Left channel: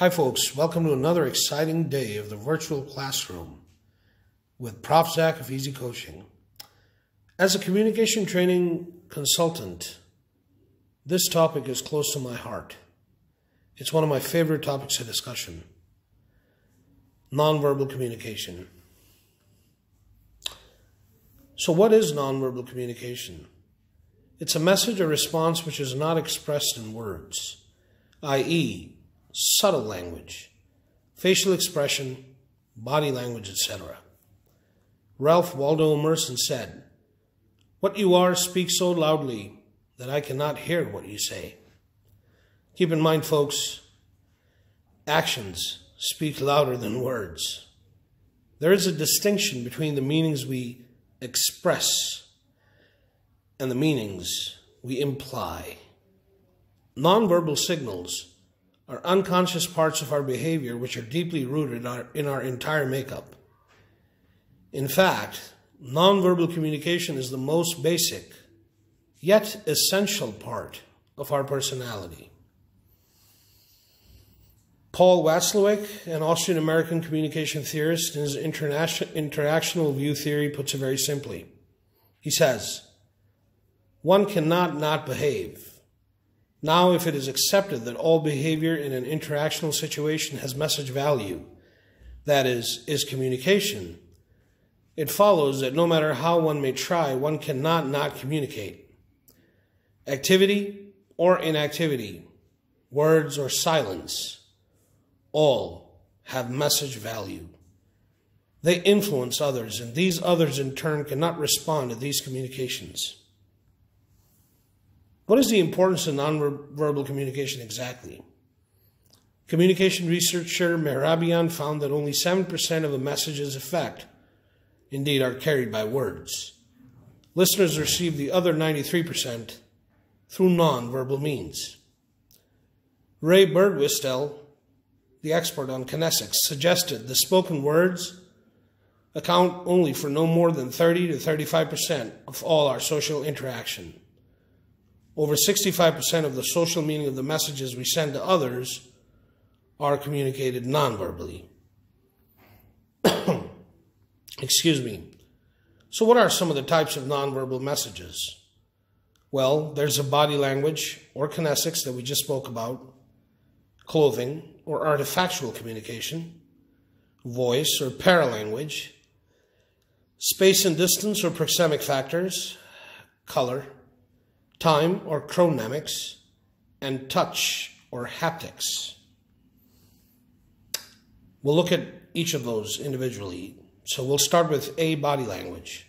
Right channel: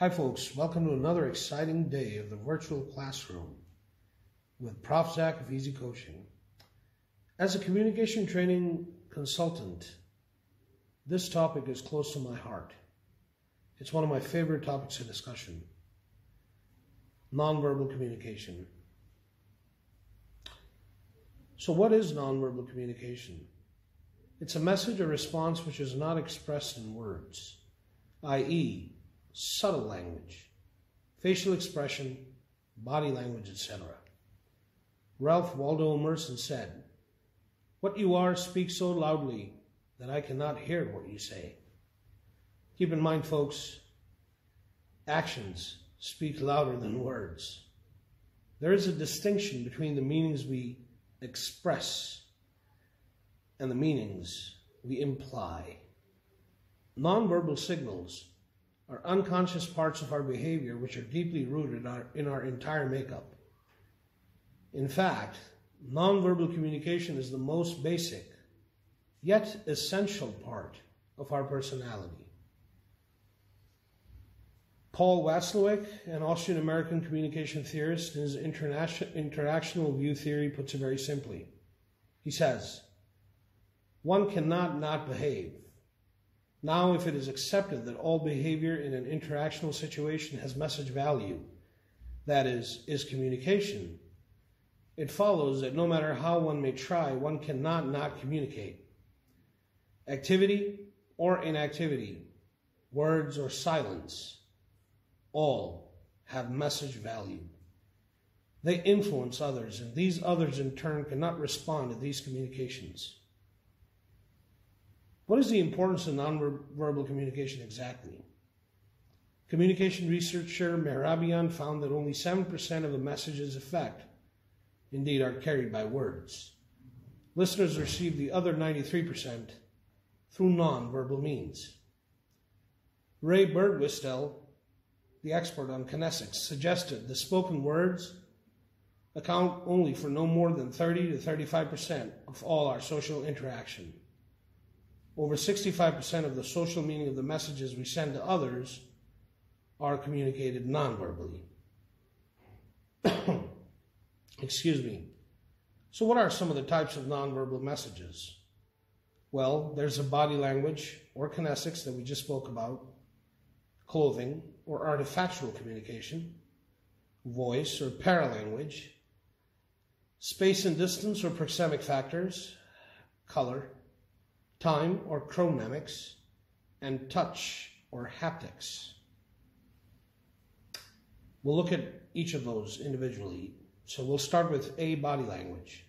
Hi folks, welcome to another exciting day of the virtual classroom with Prof.ZAK of Easy Coaching. As a communication training consultant, this topic is close to my heart. It's one of my favorite topics of discussion. Nonverbal communication. So what is nonverbal communication? It's a message or response which is not expressed in words, i.e., subtle language, facial expression, body language, etc. Ralph Waldo Emerson said, "What you are speaks so loudly that I cannot hear what you say." Keep in mind, folks, actions speak louder than words. There is a distinction between the meanings we express and the meanings we imply. Nonverbal signals are unconscious parts of our behavior which are deeply rooted in our entire makeup. In fact, nonverbal communication is the most basic, yet essential part of our personality. Paul Watzlawick, an Austrian-American communication theorist, in his interactional view theory, puts it very simply. He says, "One cannot not behave. Now, if it is accepted that all behavior in an interactional situation has message value, that is communication, it follows that no matter how one may try, one cannot not communicate. Activity or inactivity, words or silence, all have message value. They influence others, and these others in turn cannot respond to these communications." What is the importance of nonverbal communication exactly? Communication researcher Mehrabian found that only 7% of a message's effect, indeed, are carried by words. Listeners receive the other 93% through nonverbal means. Ray Birdwistel, the expert on kinesics, suggested the spoken words account only for no more than 30 to 35% of all our social interaction. Over 65% of the social meaning of the messages we send to others are communicated non-verbally. Excuse me. So what are some of the types of non-verbal messages? Well, there's a body language or kinesics that we just spoke about, clothing or artifactual communication, voice or paralanguage, space and distance or proxemic factors, color, time or chronemics, and touch or haptics. We'll look at each of those individually. So we'll start with A, body language.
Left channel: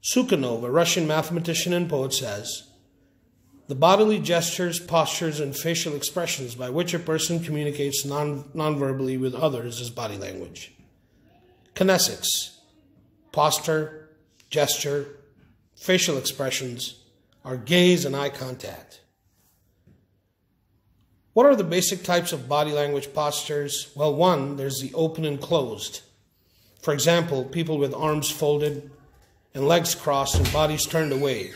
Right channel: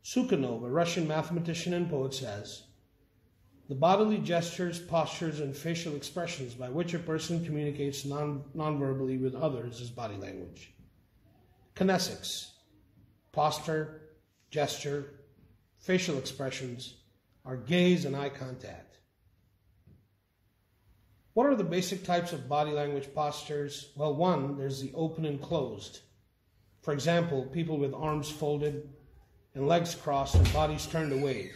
Sukhanov, a Russian mathematician and poet, says, "The bodily gestures, postures, and facial expressions by which a person communicates non-verbally with others is body language." Kinesics, posture, gesture, facial expressions, are gaze and eye contact. What are the basic types of body language postures? Well, one, there's the open and closed. For example, people with arms folded and legs crossed and bodies turned away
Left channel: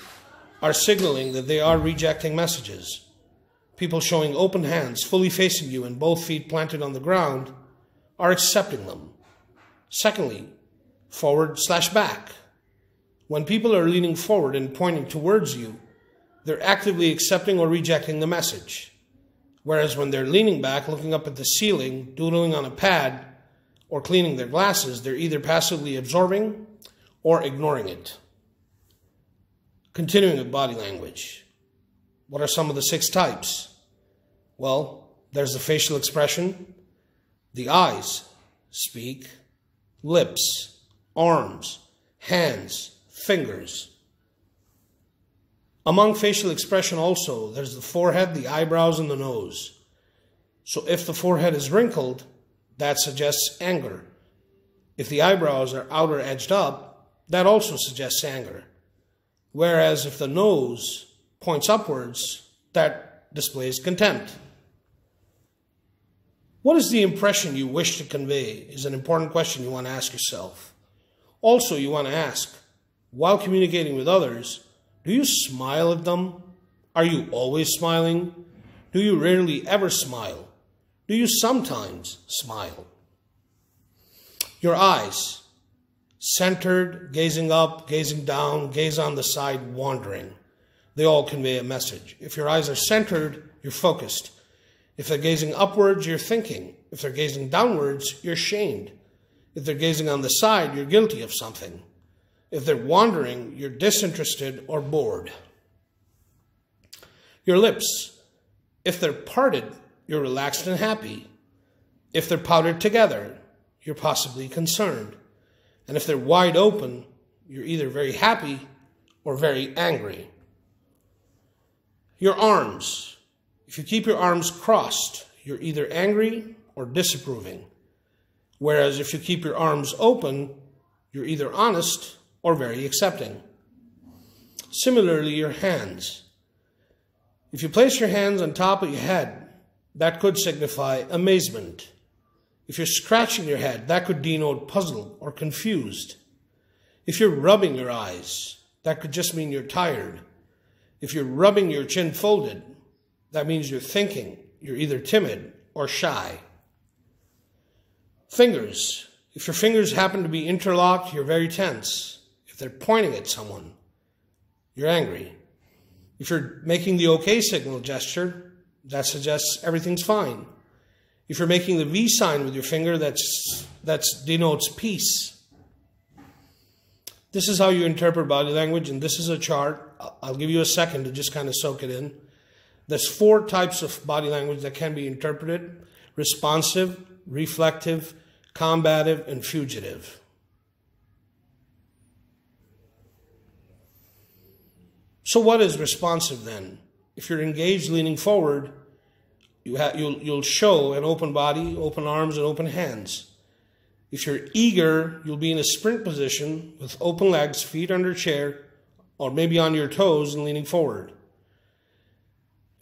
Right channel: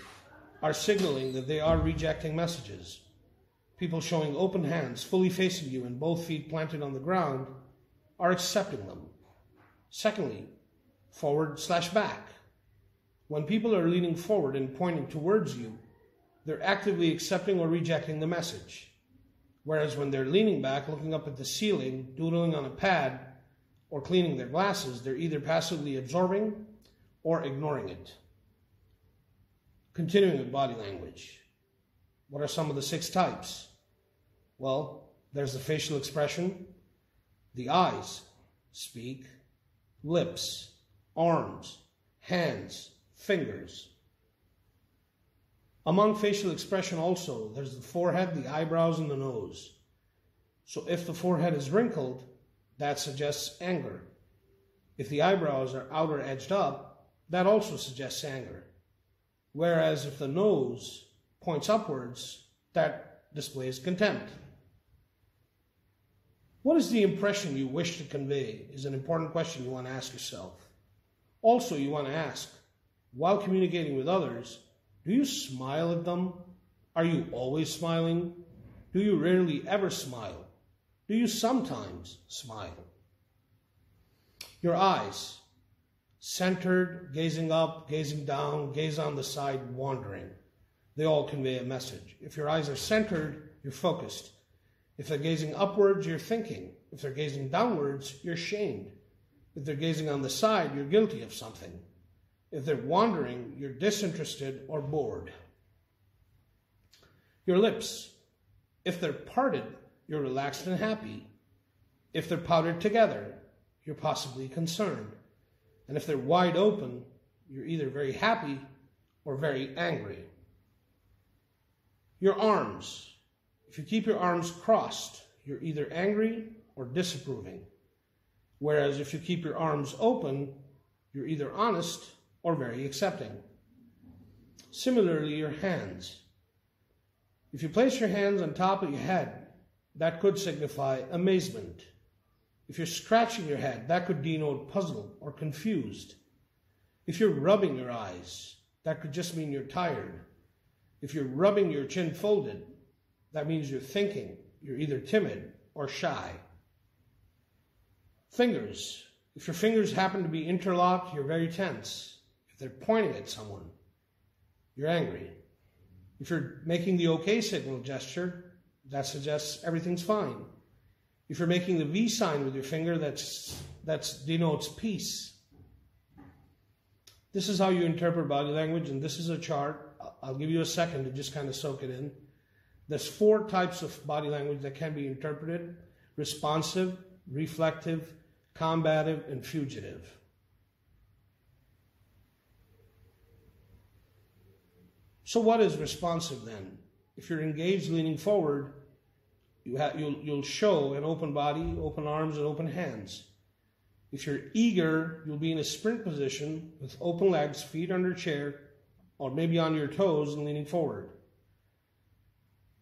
are signaling that they are rejecting messages. People showing open hands, fully facing you and both feet planted on the ground are accepting them. Secondly, forward/back. When people are leaning forward and pointing towards you, they're actively accepting or rejecting the message. Whereas when they're leaning back, looking up at the ceiling, doodling on a pad, or cleaning their glasses, they're either passively absorbing or ignoring it. Continuing with body language. What are some of the 6 types? Well, there's the facial expression. The eyes speak, lips, arms, hands, fingers. Among facial expression also, there's the forehead, the eyebrows, and the nose. So if the forehead is wrinkled, that suggests anger. If the eyebrows are outer edged up, that also suggests anger. Whereas if the nose points upwards, that displays contempt. What is the impression you wish to convey is an important question you want to ask yourself. Also, you want to ask, while communicating with others, do you smile at them? Are you always smiling? Do you rarely ever smile? Do you sometimes smile? Your eyes, centered, gazing up, gazing down, gaze on the side, wandering. They all convey a message. If your eyes are centered, you're focused. If they're gazing upwards, you're thinking. If they're gazing downwards, you're shamed. If they're gazing on the side, you're guilty of something. If they're wandering, you're disinterested or bored. Your lips, if they're parted, you're relaxed and happy. If they're powdered together, you're possibly concerned. And if they're wide open, you're either very happy or very angry. Your arms, if you keep your arms crossed, you're either angry or disapproving. Whereas if you keep your arms open, you're either honest or very accepting. Similarly, your hands. If you place your hands on top of your head, that could signify amazement. If you're scratching your head, that could denote puzzled or confused. If you're rubbing your eyes, that could just mean you're tired. If you're rubbing your chin folded, that means you're thinking. You're either timid or shy. Fingers. If your fingers happen to be interlocked, you're very tense. If they're pointing at someone, you're angry. If you're making the OK signal gesture, that suggests everything's fine. If you're making the V sign with your finger, that denotes peace. This is how you interpret body language, and this is a chart. I'll give you a second to just kind of soak it in. There's 4 types of body language that can be interpreted: responsive, reflective, combative, and fugitive. So what is responsive then? If you're engaged leaning forward, you'll show an open body, open arms, and open hands. If you're eager, you'll be in a sprint position with open legs, feet under chair, or maybe on your toes and leaning forward.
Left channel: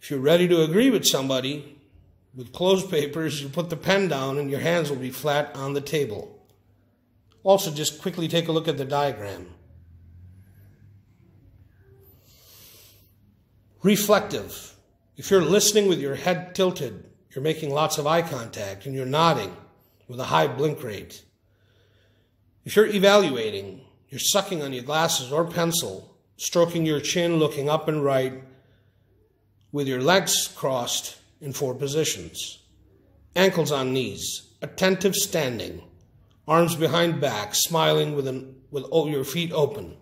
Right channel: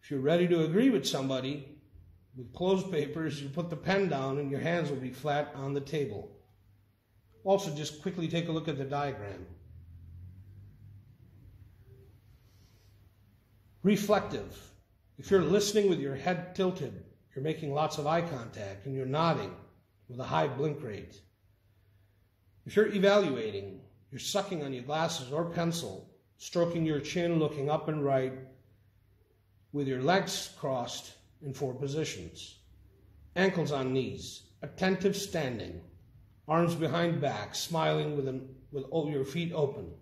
If you're ready to agree with somebody, with closed papers, you put the pen down and your hands will be flat on the table. Also, just quickly take a look at the diagram. Reflective. If you're listening with your head tilted, you're making lots of eye contact and you're nodding with a high blink rate. If you're evaluating, you're sucking on your glasses or pencil, stroking your chin, looking up and right, with your legs crossed in 4 positions. Ankles on knees, attentive standing, arms behind back, smiling with your feet open.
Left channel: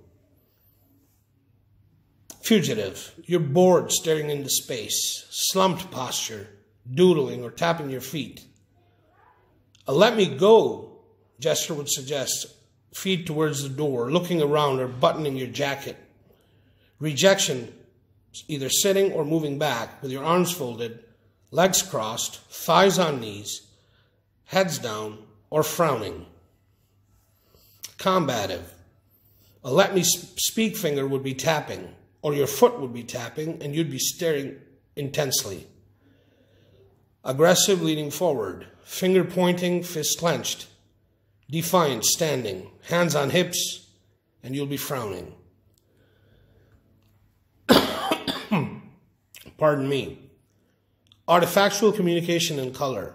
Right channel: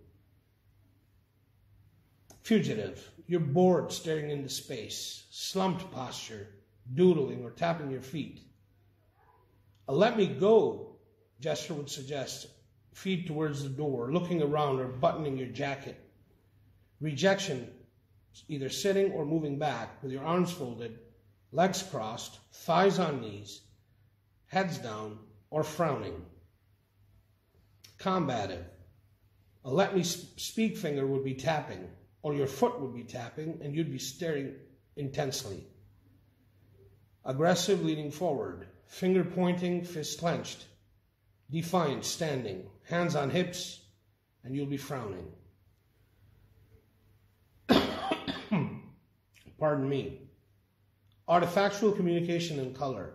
Fugitive, you're bored staring into space, slumped posture, doodling or tapping your feet. A let me go gesture would suggest feet towards the door, looking around or buttoning your jacket. Rejection, either sitting or moving back with your arms folded, legs crossed, thighs on knees, heads down, or frowning. Combative, a let me speak finger would be tapping, or your foot would be tapping and you'd be staring intensely. Aggressive, leaning forward, finger pointing, fist clenched. Defiant, standing, hands on hips, and you'll be frowning. Pardon me. Artifactual communication in color.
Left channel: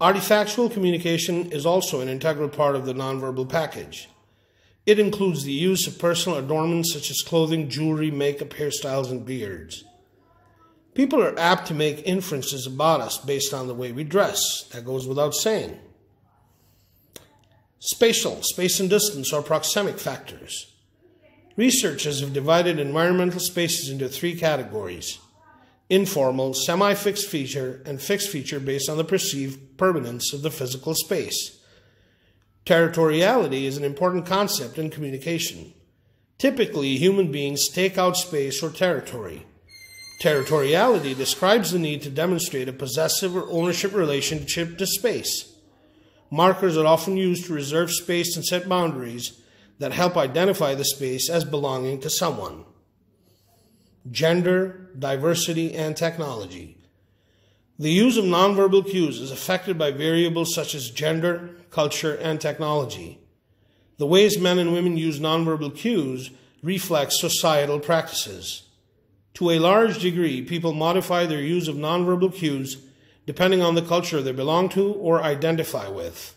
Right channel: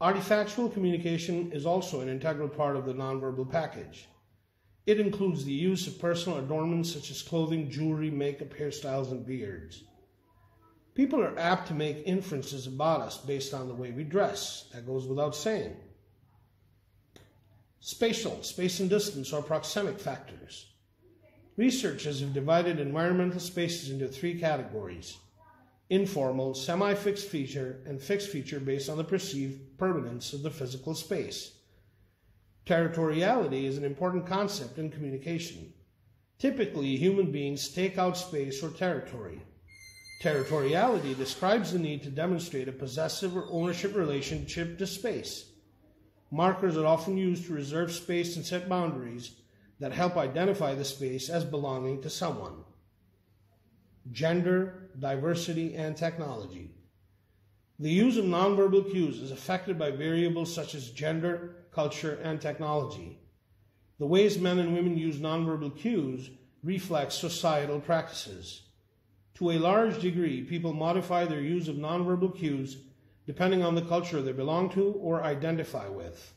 Artifactual communication is also an integral part of the nonverbal package. It includes the use of personal adornments such as clothing, jewelry, makeup, hairstyles, and beards. People are apt to make inferences about us based on the way we dress. That goes without saying. Spatial, space and distance are proxemic factors. Researchers have divided environmental spaces into 3 categories: informal, semi-fixed feature, and fixed feature based on the perceived permanence of the physical space. Territoriality is an important concept in communication. Typically, human beings stake out space or territory. Territoriality describes the need to demonstrate a possessive or ownership relationship to space. Markers are often used to reserve space and set boundaries that help identify the space as belonging to someone. Gender, diversity, and technology. The use of nonverbal cues is affected by variables such as gender, culture, and technology. The ways men and women use nonverbal cues reflect societal practices. To a large degree, people modify their use of nonverbal cues depending on the culture they belong to or identify with.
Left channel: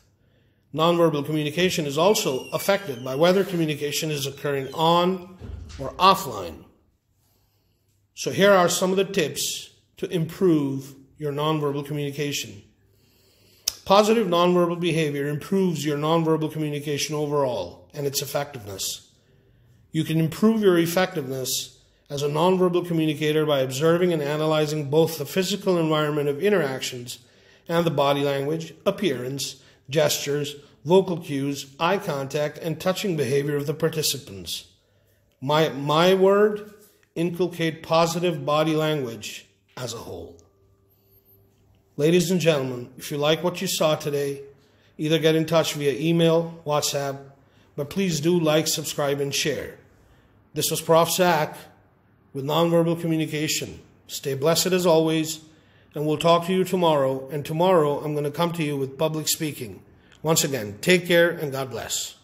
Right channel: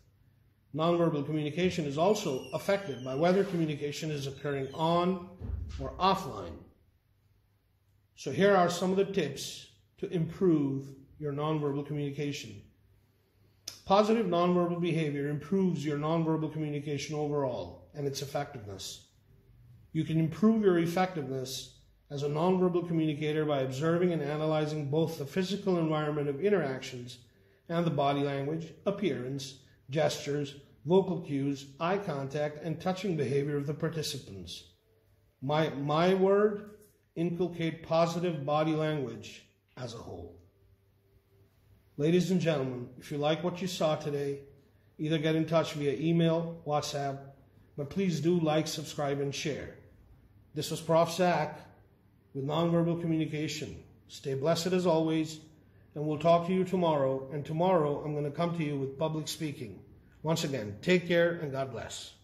Nonverbal communication is also affected by whether communication is occurring on or offline. So here are some of the tips to improve your nonverbal communication. Positive nonverbal behavior improves your nonverbal communication overall and its effectiveness. You can improve your effectiveness as a nonverbal communicator by observing and analyzing both the physical environment of interactions and the body language, appearance, gestures, vocal cues, eye contact, and touching behavior of the participants. My word, inculcate positive body language as a whole. Ladies and gentlemen, if you like what you saw today, either get in touch via email, WhatsApp, but please do like, subscribe, and share. This was Prof.ZAK with Nonverbal Communication. Stay blessed as always, and we'll talk to you tomorrow. And tomorrow I'm going to come to you with public speaking. Once again, take care and God bless.